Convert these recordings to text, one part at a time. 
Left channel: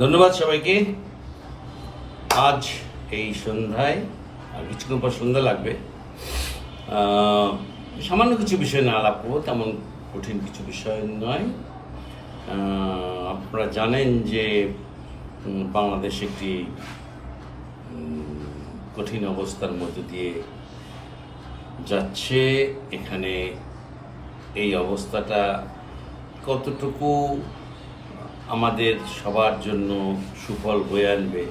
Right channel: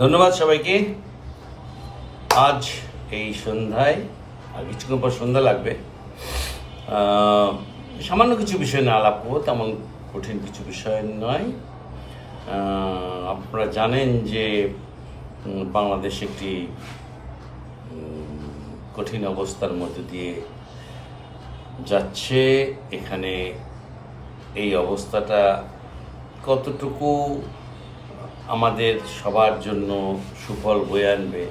ধন্যবাদ সবাইকে। আজ এই সন্ধ্যায়, আর কিছুক্ষণ পর সন্ধ্যা লাগবে, সামান্য কিছু বিষয় না আলাপ করবো, তেমন কঠিন কিছু বিষয় নয়। আপনারা জানেন যে বাংলাদেশ একটি কঠিন অবস্থার মধ্য দিয়ে যাচ্ছে। এখানে এই অবস্থাটা কতটুকু আমাদের সবার জন্য সুফল বয়ে আনবে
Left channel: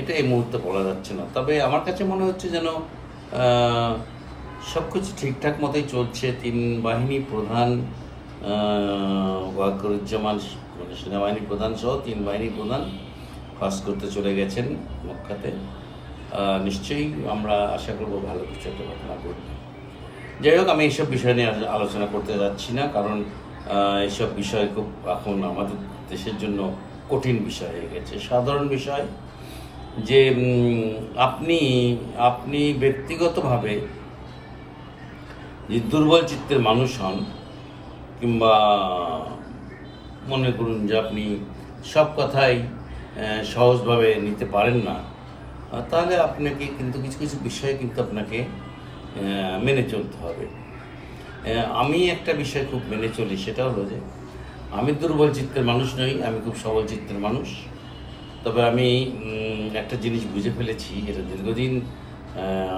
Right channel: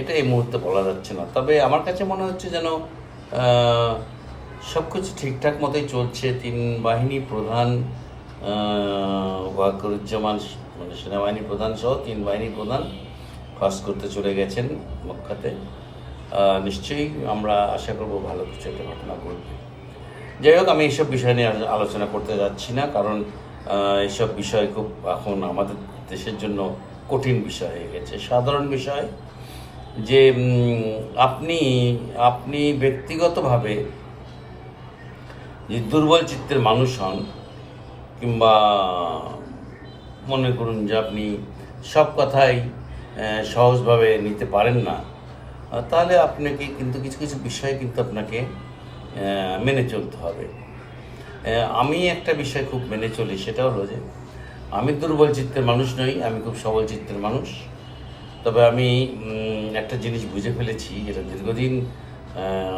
এটা এই মুহূর্তে বলা যাচ্ছে না। তবে আমার কাছে মনে হচ্ছে যেন সব কিছু ঠিকঠাক মতোই চলছে। তিন বাহিনী প্রধান ওয়াকারুজ্জামান, মানে সেনাবাহিনী প্রধান সহ তিন বাহিনী প্রধান হজ করতে চলে গেছেন মক্কাতে। নিশ্চয়ই আমরা আশা করব ভালো কিছু একটা ঘটনা ঘটবে। যাই হোক, আমি এইসব বিষয় নিয়ে আলোচনা করতে যাচ্ছি না, কারণ এইসব বিষয় খুব এখন আমাদের দেশের জন্য কঠিন বিষয় হয়ে গেছে। সাধারণ বিষয় যে আপনি ব্যক্তিগতভাবে যে দুর্বল চিত্তের মানুষ হন, কিংবা মনে করুন যে আপনি সব কথাই সহজভাবে নিতে পারেন না, তাহলে আপনাকে কিন্তু কিছু কিছু বিষয় কিন্তু আপনাকে মেনে চলতে হবে। আমি একটা বিষয় খুব মেনে চলি, সেটা হলো যে আমি দুর্বল চিত্তের মানুষ নই, আমি খুব সবল চিত্তের মানুষ। তবে আমি একটা জিনিস বুঝে ফেলেছি, এটা দীর্ঘদিন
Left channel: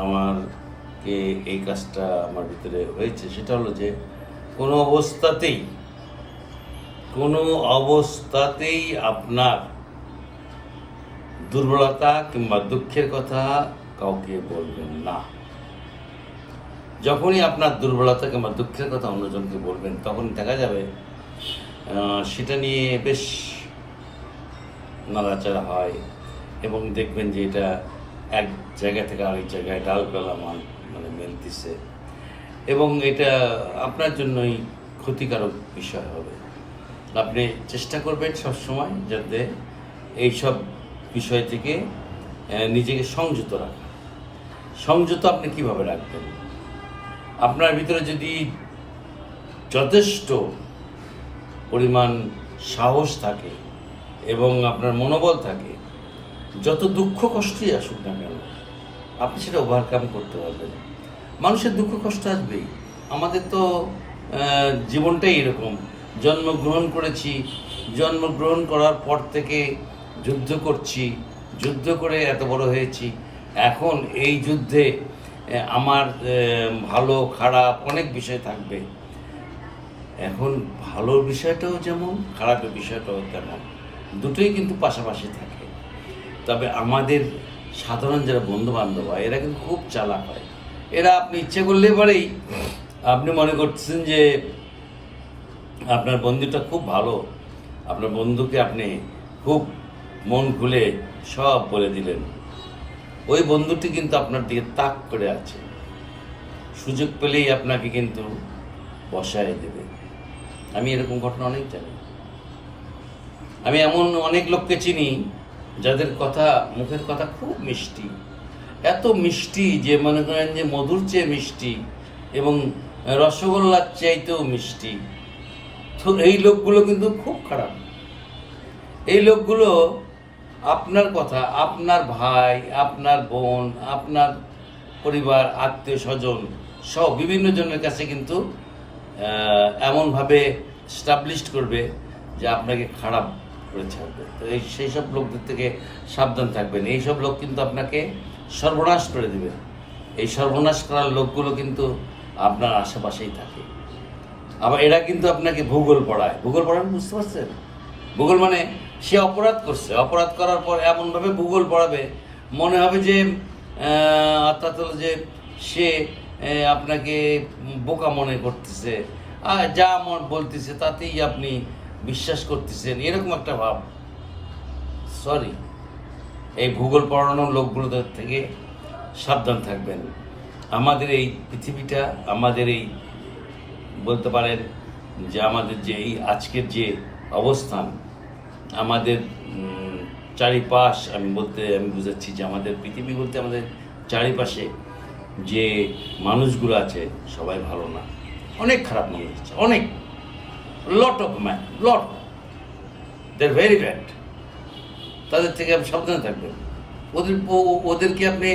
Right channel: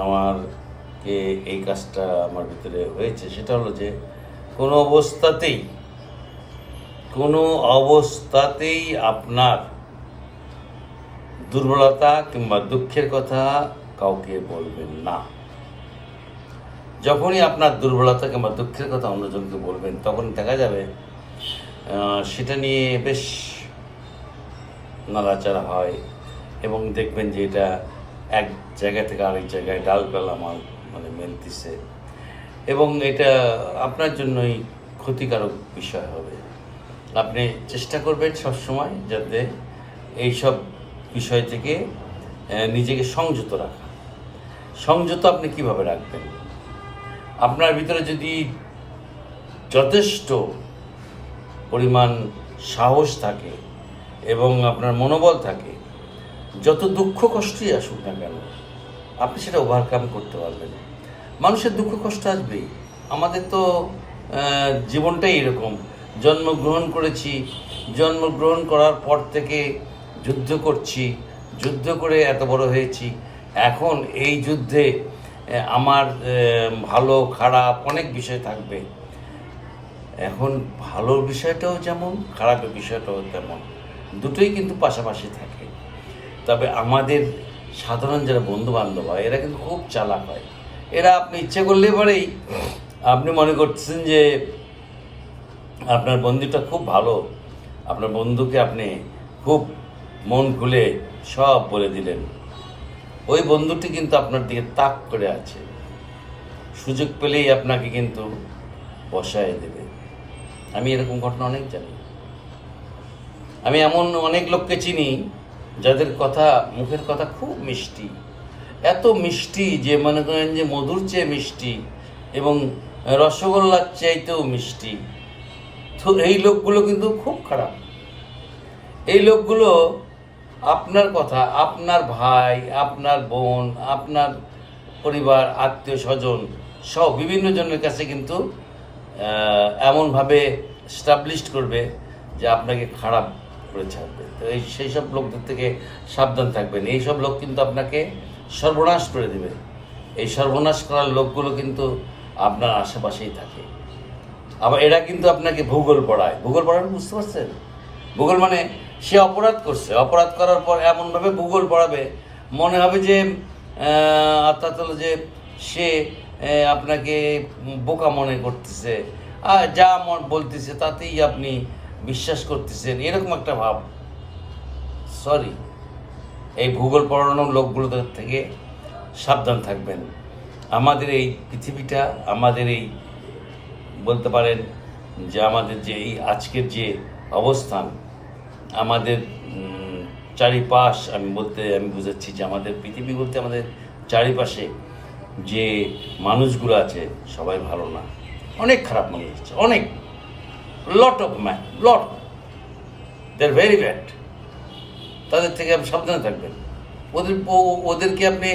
আমারকে এই কাজটা আমার ভিতরে হয়েছে, সেটা হলো যে কোনো অবস্থাতেই আপনার দুর্বলতা কিংবা দুঃখের কথা কাউকে বলবেন না। যখনই আপনার দুর্বলতা কিংবা দুঃখের কথা অন্যজনকে বলবেন, তখন দেখা যাবে সেটা নিয়ে বেশ নাড়াচাড়া হয়, এবং দেখবেন যে এটা এক জায়গা থেকে আরেক জায়গায় ডালপালা মানে মেলতেছে, এবং এটা আপনার জন্যই ক্ষতিকারক বিষয় হবে। আপনি চেষ্টা করবেন সবসময় যাতে এইসব বিষয় থেকে নিজেকে সংযত রাখা। সংযত আপনি কিভাবে রাখবেন? আপনার ভিতরে যদি যথেষ্ট পরিমাণ সাহস থাকে এবং আপনার মনোবল থাকে, যত দুঃখ কষ্টই আসুক না কেন আপনি সেটা ওভারকাম করতে পারবেন। মানুষের দুঃখ কষ্ট আসবেই, আমাদের তো জীবনটাই এরকম। জন্মগ্রহণ করেছি, জন্মগ্রহণ করার পর থেকে যুদ্ধ করছি, যুদ্ধ করে এত বড় হয়েছি। এখন এই যুদ্ধে আমার ভালো খারাপ অনেক বিষয় থাকবে। এখন ভালো বিষয়টাও যেমন, খারাপের বিষয়টাও তেমন, দুটোই কিন্তু পাশাপাশি থাকে। তবে আমাদের সাধারণ যারা বন্ধু বান্ধব হয়, এরা কিন্তু খুব চালাক হয়। এরা আপনি ইচ্ছে করলে পরেই আপনি মনে করতেছেন যে আপনার বন্ধুটা খুব ভালো, আপনার বন্ধুকে আপনি খুব মন খুলে সব বলে দিলেন, ওই বন্ধুটি কিন্তু আপনার দিকে তাক করে আছে, সুযোগ পেলেই আপনাকে কিন্তু বসায় দেবে। আমি এরকম ঘটনা অনেক জানি। আমি এমন অনেক লোককে চিনি যাদের কথা, মুখের কথা খুব মিষ্টি, এত মিষ্টি যে মনে করেন যে মধুর চেয়ে মিষ্টি এবং রসগোল্লার চাইতেও মিষ্টি। তো এই লোকগুলো কিন্তু খুব খারাপ। এই লোকগুলো আপনার কথা, আপনার ভাই, আপনার বোন, আপনার পরিবার, আত্মীয় স্বজন সব বিভিন্ন জনের কাছে কিন্তু এমনভাবে স্টাবলিশড করবে যে আপনাকে খারাপ করে ছাড়বে। তো সেই সব লোকদের থেকে সাবধান থাকবেন। এই সব লোক কিন্তু আপনাকে সর্বনাশ করে দেবে। এই সর্বনাশ করার লোকগুলো কিন্তু আপনার আশেপাশেই থাকে। আবার এরা কিন্তু আপনাকে ভূগোল পড়ায়। ভূগোল পড়ানো বুঝতে পারছেন? ভূগোল মানে সে অপরাধ করছে, অপরাধ করার পর এমনভাবে ভূগোল পড়াবে মনে হবে যে অর্থাৎ হলো যে সে আপনাকে বোকা মনে করতেছে, আর যা বলতেছে তাতেই আপনি বিশ্বাস করতেছেন, এরকম একটা ভাব। সরি, এই ভূগোল পড়ানোর লোকগুলোদের থেকে সাবধান থাকবেন। আমাদের এই পৃথিবীটা, আমাদের এই বলতে পারেন যে আমাদের যে এই আজকের যে অবস্থান, আমাদের চারিপাশ, আমি বুঝাচ্ছি যে আমাদের পৃথিবী বলতে আমাদের চারিপাশে যে মানুষগুলো আছে সবাই ভালো না, অনেক খারাপ মানুষ আছে, অনেক লট। দে আর ভেরি ব্যাড। তাদের থেকে আপনি সাবধানে থাকবেন। ওদেরকে আপনি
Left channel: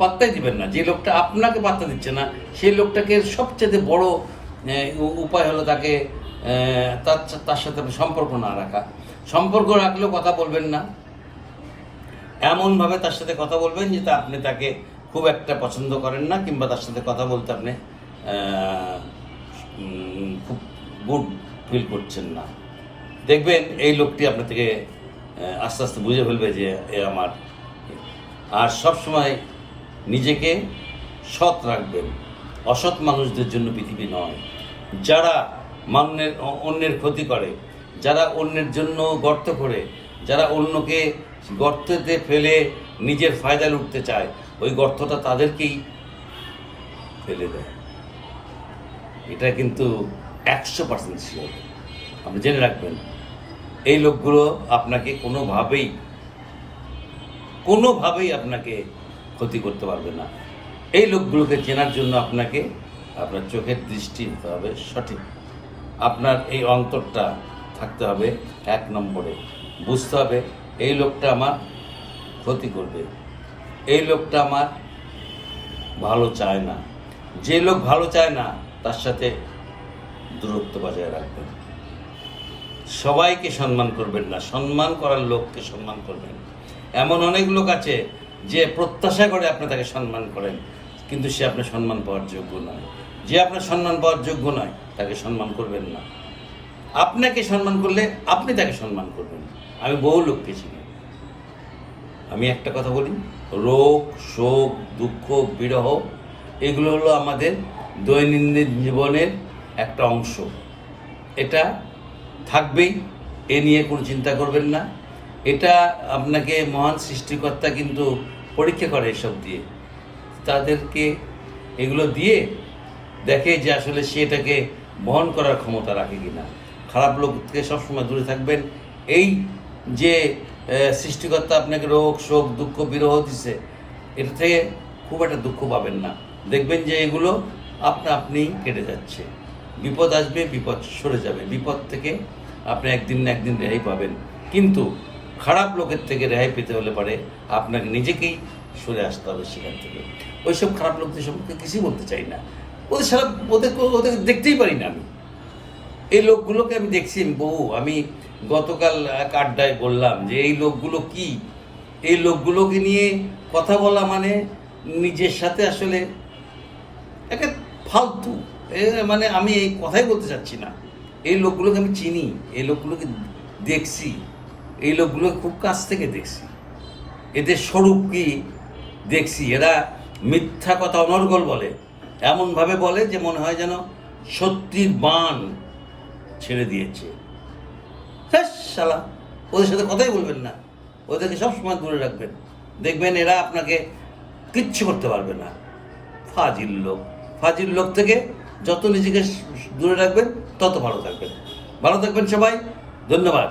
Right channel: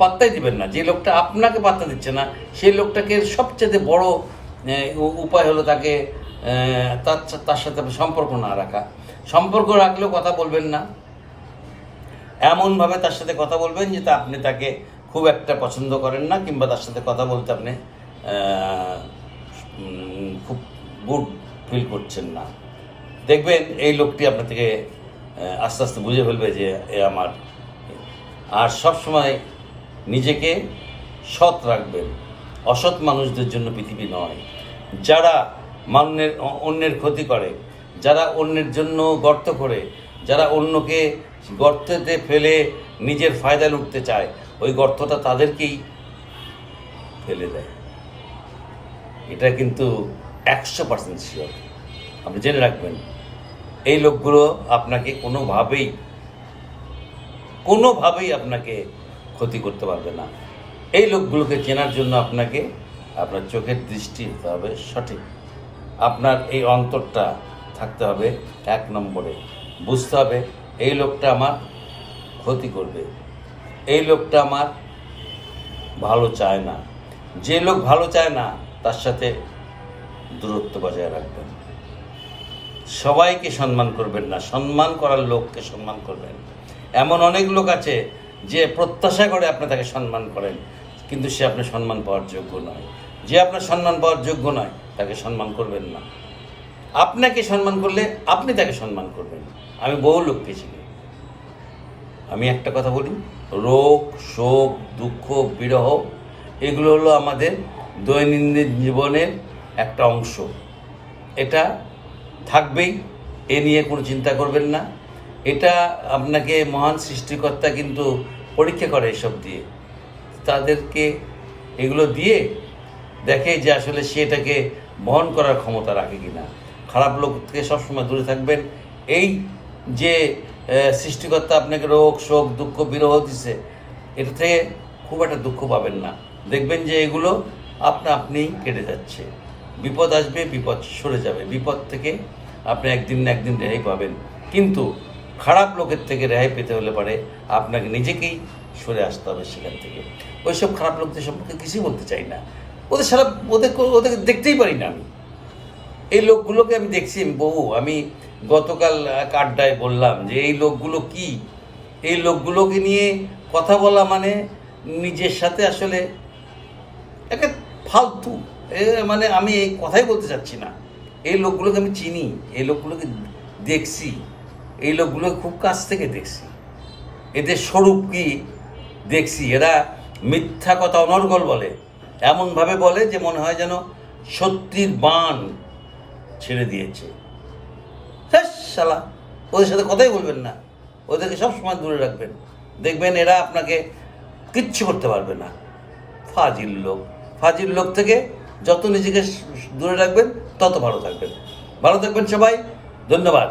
পাত্তাই দিবেন না। যে লোকটা আপনাকে পাত্তা দিচ্ছে না, সেই লোকটাকে সবচেয়ে বড় উপায় হলো তাকে তার সাথে সম্পর্ক না রাখা। সম্পর্ক রাখলেও কথা বলবেন না, এমনভাবে তার সাথে কথা বলবেন যে আপনি তাকে খুব একটা পছন্দ করেন না, কিংবা তার সাথে কথা বলতে আপনি খুব গুড ফিল করছেন না। দেখবেন এই লোকটি আপনার থেকে আস্তে আস্তে বুঝে ফেলবে যে এ আমার। আর সবসময় নিজেকে সৎ রাখবেন। অসৎ মানুষদের জন্য পৃথিবী নয়। যারা অন্যের ক্ষতি করে, যারা অন্যের জন্য গর্ত করে, যারা অন্যকে গর্তেতে ফেলে নিজের ফায়দা লুটতে চায়, ওই গর্তটা তাদেরকেই ফেলে দেয়। এটা কিন্তু 100% শিওর। আপনি জেনে রাখবেন, এই লোকগুলো আপনাকে কোনোভাবেই আপনাকে ক্ষতি করতে পারবে না। এই লোকগুলোকে চেনার জন্য আপনাকে আপনার চোখের দৃষ্টি হতে হবে সঠিক। আপনার এই অন্তরটা থাকতে হবে 1 নম্বরে। বুঝতে হবে এই লোকটা আমার ক্ষতি করবে, এই লোকটা আমার ভালো চায় না। যে লোক ভালো চায় না তার সাথে দূরত্ব বজায় রাখবেন। সবাইকে সম্মান করবেন না, সম্মান করার লোককে সম্মান করবেন। এমন অনেক লোক আছে যে প্রত্যাশা করে আপনি তাকে সম্মান করেন, কিন্তু সে আপনার সম্মান পাওয়ার যোগ্য নয়। যে আপনার সম্মান পাওয়ার যোগ্য নয় তাকে সম্মান করবেন না। আপনাকে সম্মান করলে আপনি তাকে সম্মান করবেন। আমি বহু লোককে চিনি। আমি একটা কথা বলি, রোগ, শোক, দুঃখ, বিরহ এগুলো হলো আমাদের দৈনন্দিন জীবনের একটা অংশ। এটা থাকবেই, এ নিয়ে কোনো চিন্তা করবেন না। এটা আপনাকে মহান সৃষ্টিকর্তা কিন্তু পরীক্ষা করে এসব দিয়ে। তাদেরকে এগুলো দিয়ে দেখে যে আসলে সে এটাকে বহন করার ক্ষমতা রাখে কিনা। খারাপ লোক থেকে সবসময় দূরে থাকবেন। এই যে সৃষ্টিকর্তা আপনাকে রোগ, শোক, দুঃখ, বিরহ দিছে, এটা থেকে খুব একটা দুঃখ পাবেন না। দেখবেন যে এগুলো আপনিই কেটে যাচ্ছে। বিপদ আসবে, বিপদ সরে যাবে। বিপদ থেকে আপনি একদিন না একদিন রেহাই পাবেন। কিন্তু খারাপ লোকের থেকে রেহাই পেতে হলে পারে আপনাকে নিজেকেই সরে আসতে হবে সেখান থেকে। ওইসব খারাপ লোকদের সম্পর্কে কিছুই বলতে চাই না। ওদের দেখতেই পারি না আমি। এই লোকগুলোকে আমি দেখছি আমি গতকাল এক আড্ডায় বললাম যে এই লোকগুলো কি, এই লোকগুলোকে নিয়ে কথা বলা মানে নিজের সাথে আসলে একটা ফালতু। মানে আমি এই কথাই বলতে চাচ্ছি না। এই লোকগুলোকে আমি চিনি, এই লোকগুলোকে দেখছি, এই লোকগুলোকে খুব কাছ থেকে দেখছি। এদের স্বরূপ কি দেখছি। এরা মিথ্যা কথা অনর্গল বলে, এমনভাবে বলে যে মনে হয় যেন সত্যির বাণ ছেড়ে দিয়েছে। হ্যাঁ শালা, ওদের সাথে কথাই বলবেন না, ওদেরকে সবসময় দূরে রাখবেন। দেখবেন এরা আপনাকে কিচ্ছু করতে পারবে না। ফাজিল লোক থেকে যত নিজেকে দূরে রাখবেন তত ভালো থাকবেন। ভালো থাকবেন সবাই। ধন্যবাদ।